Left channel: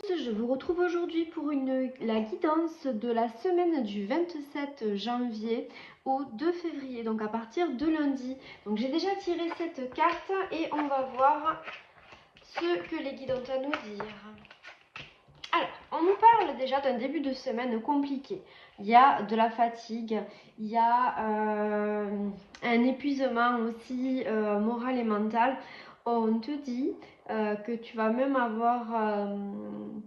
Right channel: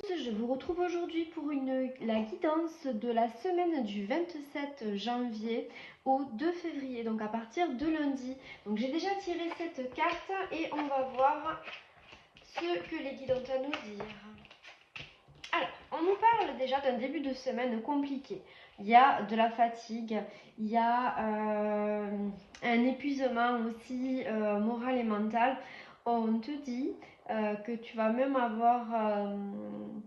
tous, je vous retrouve aujourd'hui pour la guidance de la semaine du 27 janvier au 2 février, donc à partir de lundi. Donc j'ai déjà tiré cette carte et on va voir ce que les guides ont à nous dire. Alors, on nous parle déjà d'un début de semaine compliqué. Il y a de la fatigue, il y a un épuisement aussi moral et mental. On te dit que tu vas même avoir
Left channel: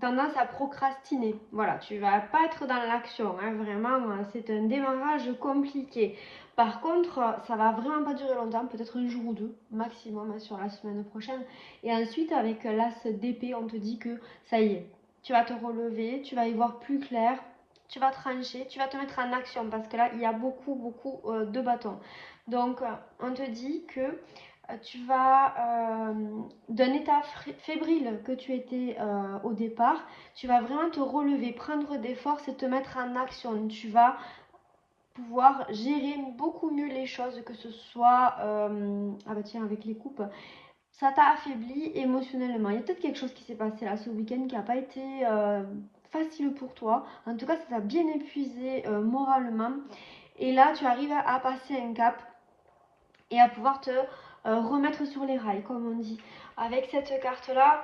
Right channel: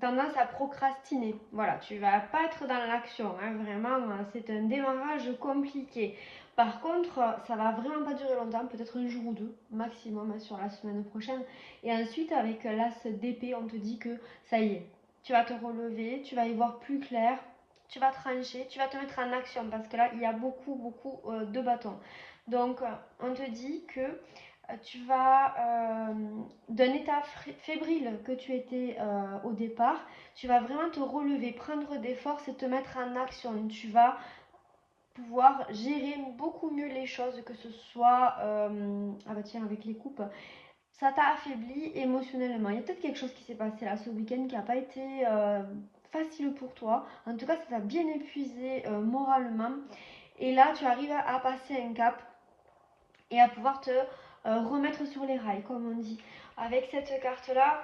tendance à procrastiner. Voilà, tu vas pas être dans l'action, hein, vraiment, c'est un démarrage compliqué. Par contre, ça va vraiment pas durer longtemps, peut-être un jour ou deux maximum hein, sur la semaine prochaine. Et ensuite, avec l'as d'épée, on te dit que ça y est, tu vas te relever, tu vas y voir plus clair, tu vas trancher, tu vas te mettre en action parce que là, il y a beaucoup de bâtons. Donc, on te dit que tu vas d'un état fébrile que tu étais au départ, tu vas vraiment te relever, prendre des forces et te mettre en action. Tu vas pouvoir gérer beaucoup mieux les choses, que ce soit ah bah tiens, avec les coupes, ça t'a affaibli émotionnellement. Il y a peut-être quelque chose qui s'est passé là ce week-end qui n'a pas été facile pour toi. En tout cas, ça t'a bien épuisé moralement. Et là, tu arrives à passer un cap et à pouvoir te remettre sur les rails, comme on dit. Avec cette carte-là,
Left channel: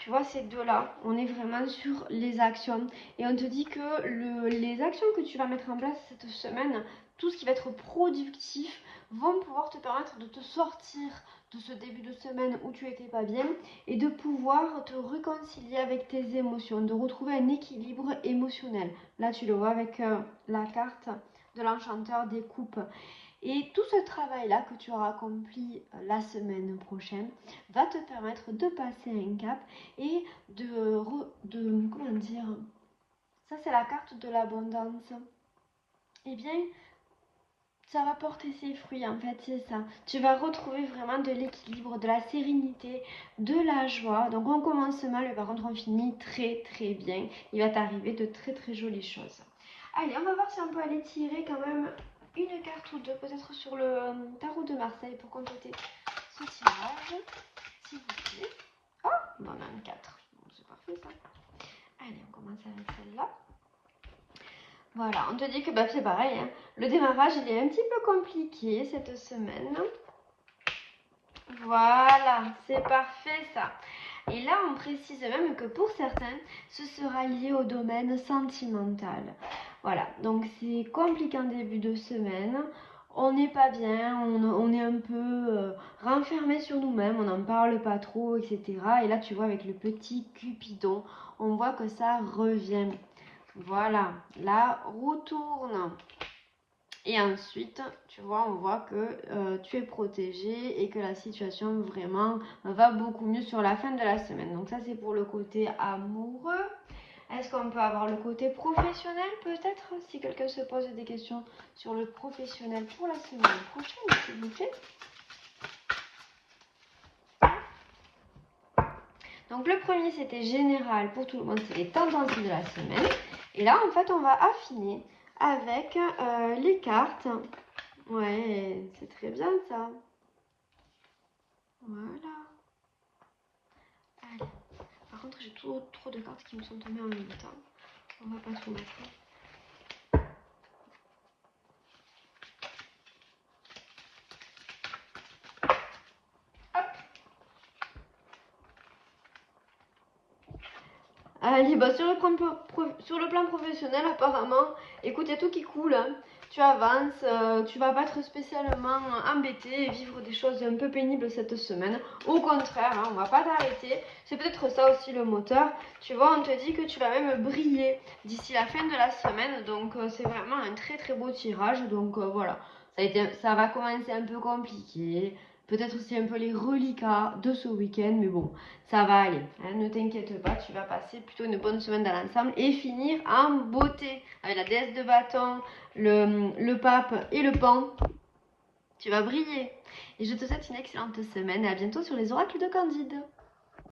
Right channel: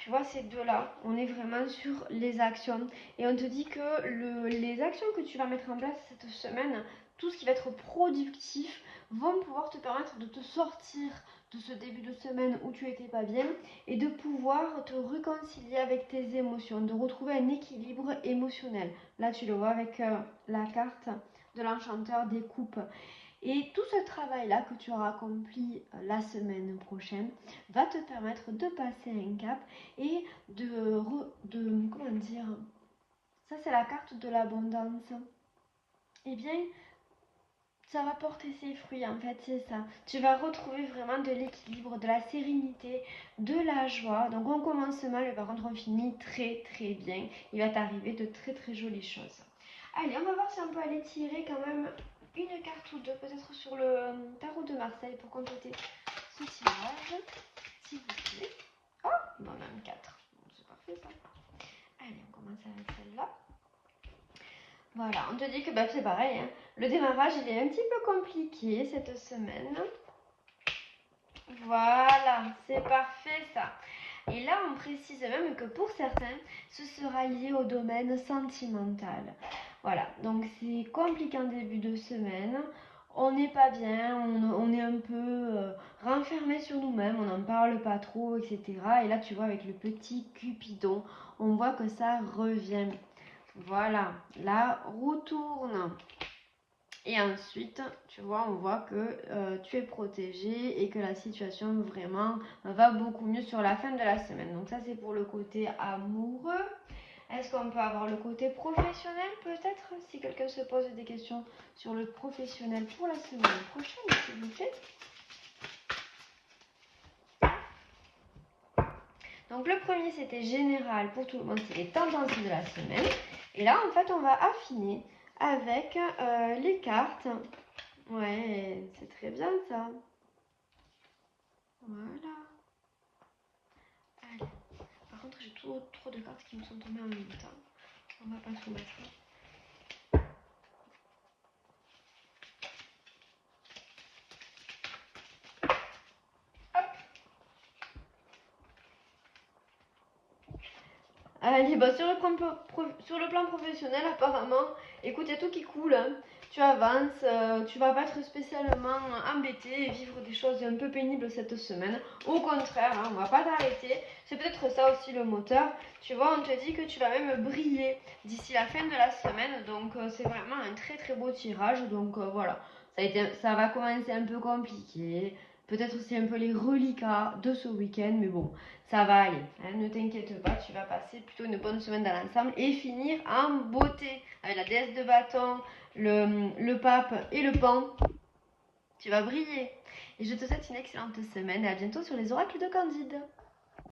tu vois, ces deux-là, on est vraiment sur les actions. Et on te dit que les actions que tu vas mettre en place cette semaine, tout ce qui va être productif, vont pouvoir te permettre de te sortir de ce début de semaine où tu n'étais pas bien et de pouvoir te réconcilier avec tes émotions, de retrouver un équilibre émotionnel. Là, tu le vois avec la carte de l'enchanteur des coupes. Et tout ce travail-là que tu auras accompli la semaine prochaine va te permettre de passer un cap et comment dire, ça c'est la carte de l'abondance. Eh bien, ça va porter ses fruits en fait, c'est ça. Tu vas retrouver vraiment de l'équilibre, de la sérénité, de la joie. Donc on commence mal, mais par contre on finit très bien. Il va t'arriver de très jolies choses. Allez, on va voir si on peut aller tirer quand même une carte ou deux, peut-être sur le tarot de Marseille pour compléter ce tirage, s'il vous plaît. Oh, bon, on a un 4. Bon, c'est parfait ça. Allez, on commence avec celle-là. Voilà, on te dit que bah, c'est pareil, hein. Le démarrage il est un petit peu compliqué cette semaine. Voilà, c'est parfait ça. Et là, on précise même que pour certains, ce sera lié au domaine sentimental. Voilà, donc c'est compliqué en début de semaine. On n'est pas bien, on est un peu renfermé sur nous-mêmes, on n'en parle pas trop, etc. Et là, tu vois, avec le petit Cupidon, on voit que ça revient. Voilà, la roue tourne. Et ensuite, tu vois, on voit que tu es protégé et que la situation vraiment va beaucoup mieux sur la fin de la semaine. Donc ça, c'est pour le côté amoureux. Est-ce qu'on peut avoir le côté professionnel peut-être? Si quelqu'un se pose des questions sur le professionnel pour la semaine prochaine, s'il vous plaît. Donc le premier, c'était général pour tout le monde, c'est les tendances de la semaine. Et là, en fait, on va affiner avec les cartes. Ouais, c'est très bien ça. Voilà. Allez. Par contre, j'ai trop de cartes qui me sont tombées en même temps. On va pas trop mettre. Allez, bah sur le plan professionnel, apparemment, écoute, il y a tout qui coule, hein. Tu avances, tu vas pas être spécialement embêté et vivre des choses un peu pénibles cette semaine. Au contraire, hein, on va pas t'arrêter. C'est peut-être ça aussi le moteur. Tu vois, on te dit que tu vas même briller d'ici la fin de la semaine. Donc c'est vraiment un très beau tirage. Donc voilà, ça va commencer un peu compliqué. Peut-être aussi un peu les reliquats de ce week-end, mais bon, ça va aller. Hein, ne t'inquiète pas, tu vas passer plutôt une bonne semaine dans l'ensemble et finir en beauté avec la déesse de bâton, le pape et le pan. Tu vas briller. Et je te souhaite une excellente semaine et à bientôt sur les oracles de Candide.